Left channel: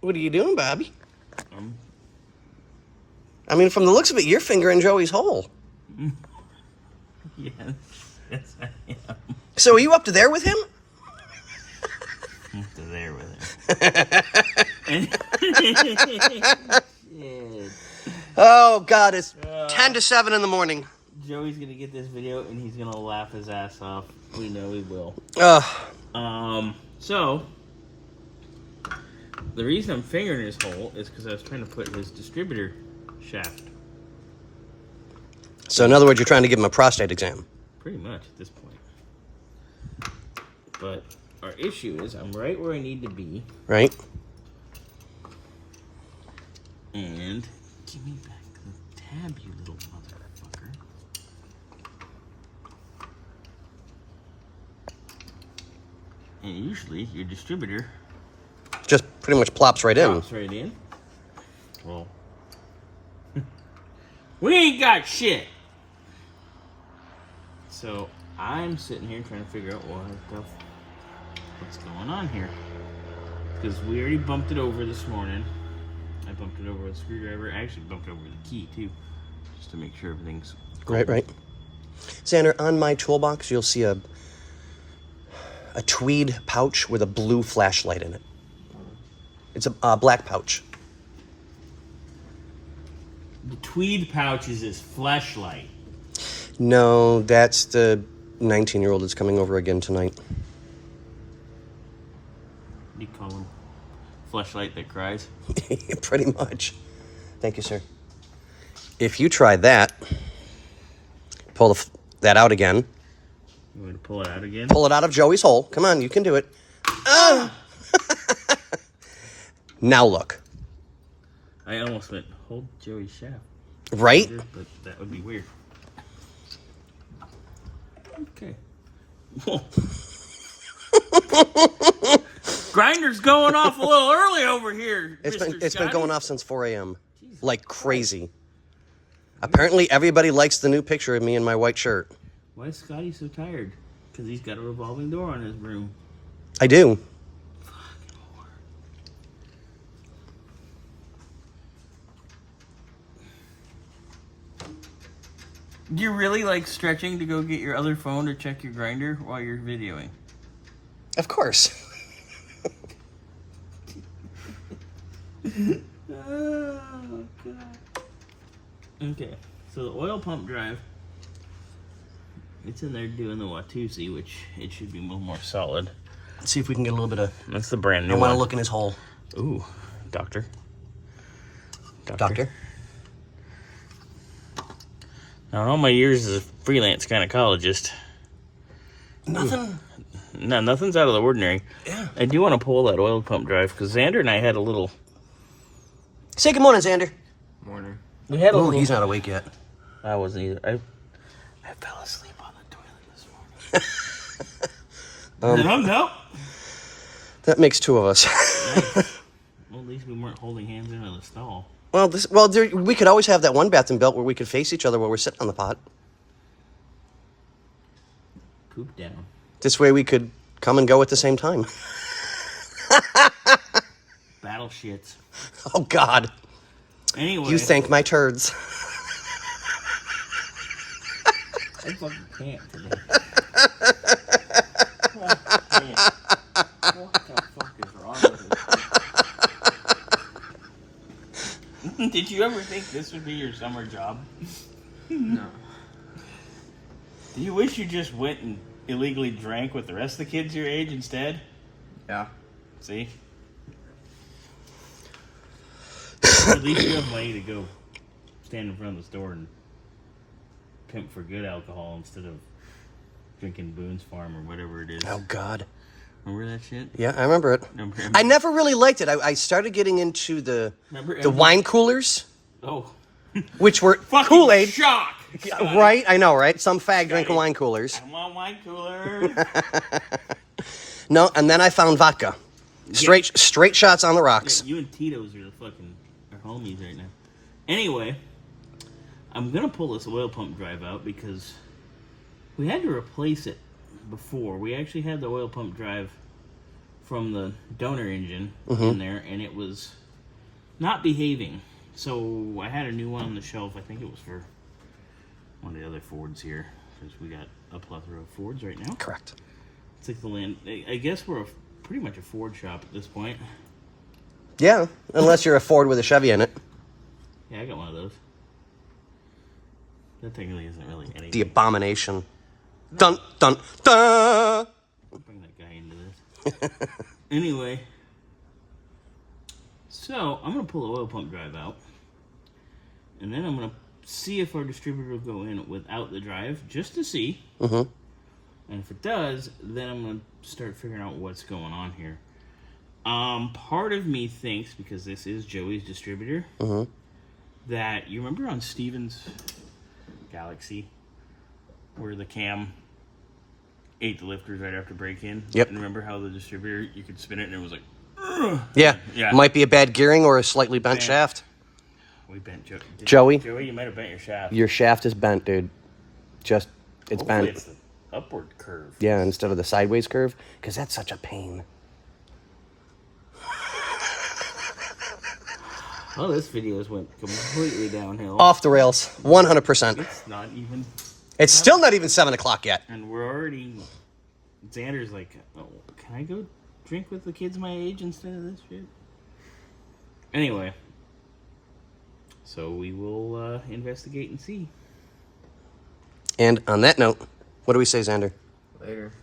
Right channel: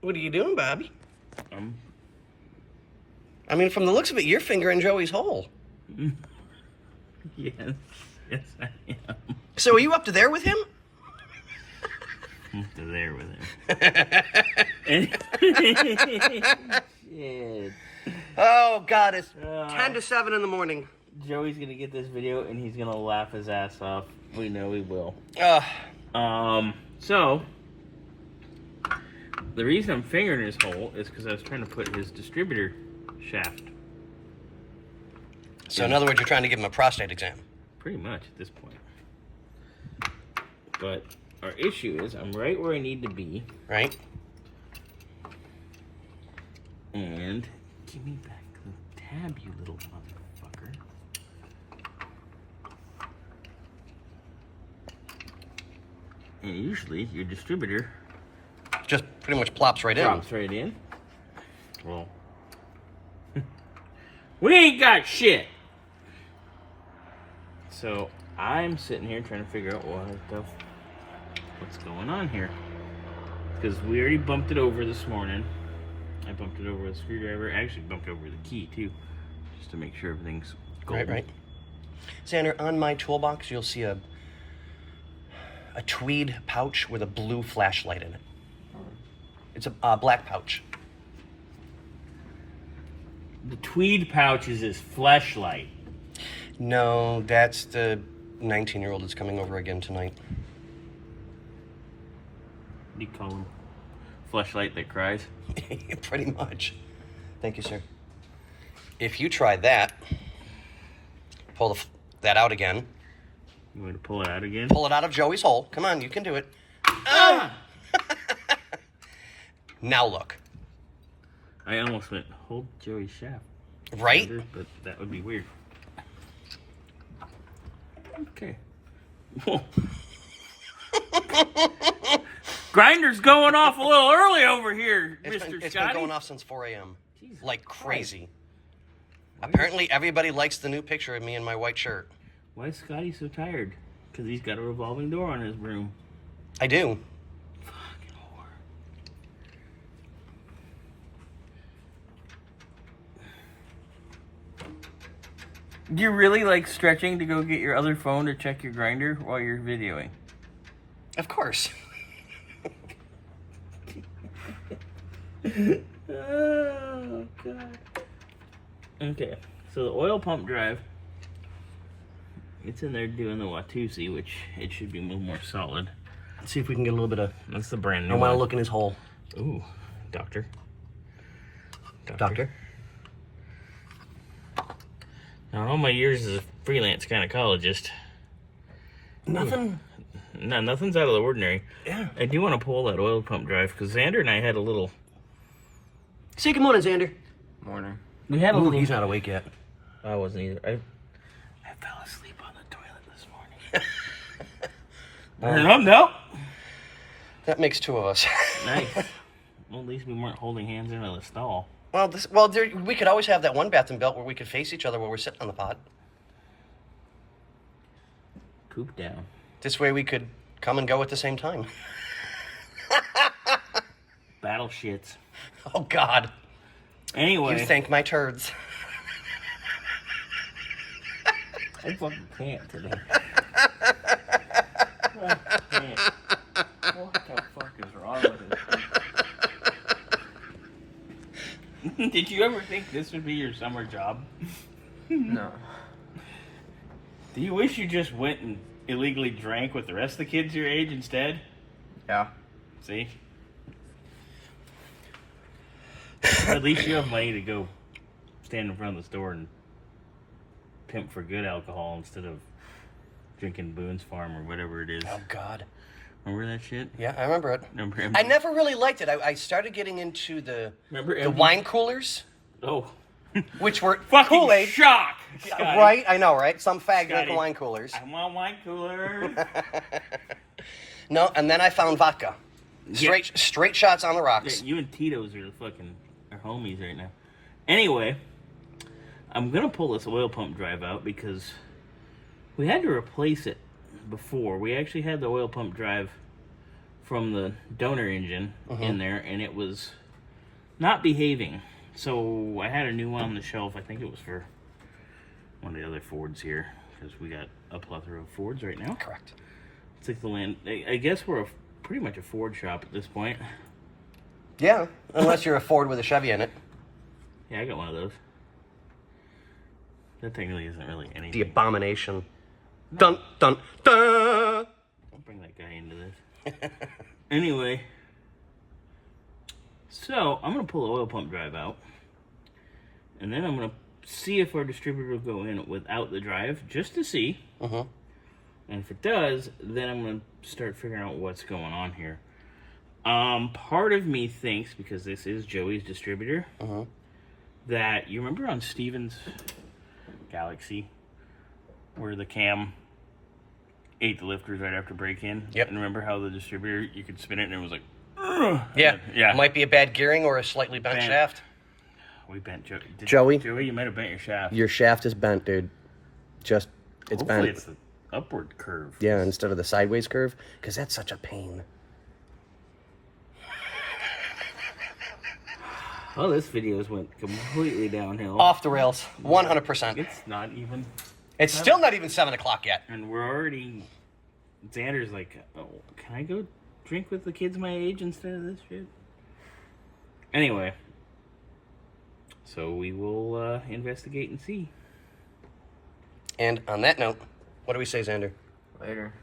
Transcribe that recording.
What are you doing, Bobby? I mean, from the looks of it, you're fingering Joey's hole. Yes, I am. So are you up to there with him? Up to there with him. Shit. Oh, God, it's 10 to 7 in the morning. Joey's going to get this video, and he's going to laugh his ass off. We know he will. So, the reason I'm fingering his hole is because I was trying to put his distributor shaft. So, in other words, you're trying to give him a prostate exam. Pretty much at this point. But our issue is I'm right where I need to be. Right. And give me back the tab, you little motherfucker. And usually your distributor Just pretty much plops right in. drops right in. Well, we ain't got shit. So I'm sitting here trying to figure out what's going on here. Because we already bumped it over this morning. I bumped it over with a screwdriver. I actually bumped it over with a key too, just to make sure everything's golden. Right. Xander, on my toolbox, you'll see a tweed pouch with a blue flashlight in it. It's a black pouch. The tweed pouch is his fleshlight. No, that's the 19-year-old that's coming over again tonight. You call him fleshlight that cries? Pretty much. Thank you, sir. If you try that, pull that out again. You want me to pull it out again? Pull it out of Joey's hole. Come on, you can do it. Ah! Now look. I almost went, hold Joey's shaft. Right? But that would be weird. Okay. Grinder's going off a little early over here, It's been going off since 4 a.m. Like crazy. Apparently everybody likes the new picture of me in my white shirt. Why is Scotty so tired? Because he's got a revolving door on his room. I do. Fucking whore. You're really like stretching to go get your other phone to check your grinder while you're videoing? Of course. Oh, God. Okay, so the oil pump drive, it's in there doing the Watusi, which it should be a little more solid. Let's see if we can get a little bit of... That's the brand new I want to one. look in his hole. Ooh, doctor. Doctor? Now, all my years as a freelance gynecologist, nothing's out of the ordinary. Yeah. I do want to pull that oil pump drive, because Xander and I had a little... Say good morning, Xander. Morning. We had a little... He's not awake yet. I wasn't either. I fell asleep on the toilet this morning. No. That makes two of us. Nice. Well, at least we weren't holding hands in the stall. We could always have that one bath and belt where we could face each other while we're sitting on the pot. Poop down. This way we could come and go at the same time. Battle shits. Oh, God. Anyway. You thank my turds. I fucking can't today. Oh, man. What the fuck is wrong with it? Did you ever think this would be your summer job? No. Do you wish you just went and illegally drank with the rest of the kids your age instead? Yeah. See? At least you have money to go stand in front of the store and pimp for good alcohol instead of drinking Boone's Farm or whatever it is. Oh, God. Remember that shit? Yeah, I remember it. I never really liked it. I started getting into the wine coolers. Oh. Which were Fucking Kool-Aid. shock! Scotty. Right? I know, right? Some fag Scotty, drinking wine coolers. I want wine cooler. No, and then I found vodka. Straight shots on the rocks. Yeah, you and Tito's are homies right now. Anyway, I'm going to pull this oil pump drive out because we had to replace it before. We actually had the oil pump drive from the donor engine in there, and it was not behaving. So I had a new one on the shelf. I think it was for one of the other Fords here, because we got a plethora of Fords right now. Correct. It's like the land. I guess we're pretty much a Ford shop at this point. Yeah, unless you're a Ford with a Chevy in it. Yeah, I got one of those. That technically isn't really anything. The abomination. Dun, dun, dun! I'll bring that guy into this. Anyway, so I'm going to pull the oil pump drive out. And then I'm going to see if our distributor will go in without the drive, just to see. And if it does, then I'm going to start figuring out what's going on here. Part of me thinks, because this is Joey's distributor, that you remember on Steven's Galaxy where the cam ate the lifters right after break-in? Yep. And remember how the distributor, you could spin it and it was like... Yeah. Yeah. Might be a bad gearing or a slightly bent shaft. We bent Joey? Joey, you might have bent your shaft. Your shaft is bent, dude. It's Hopefully bent. it's the upward curve. Yeah, instead of the sideways curve, because that's such a pain. Oh, this video went completely downhill. Off the rails, 100%. It's not even... It's still not even 7 o'clock yet. And we're already... Xander's like, oh, can I go drink with the kids my age instead of this shit? Anyway. So we will investigate and see. And on that note, what do we say, Xander? Later.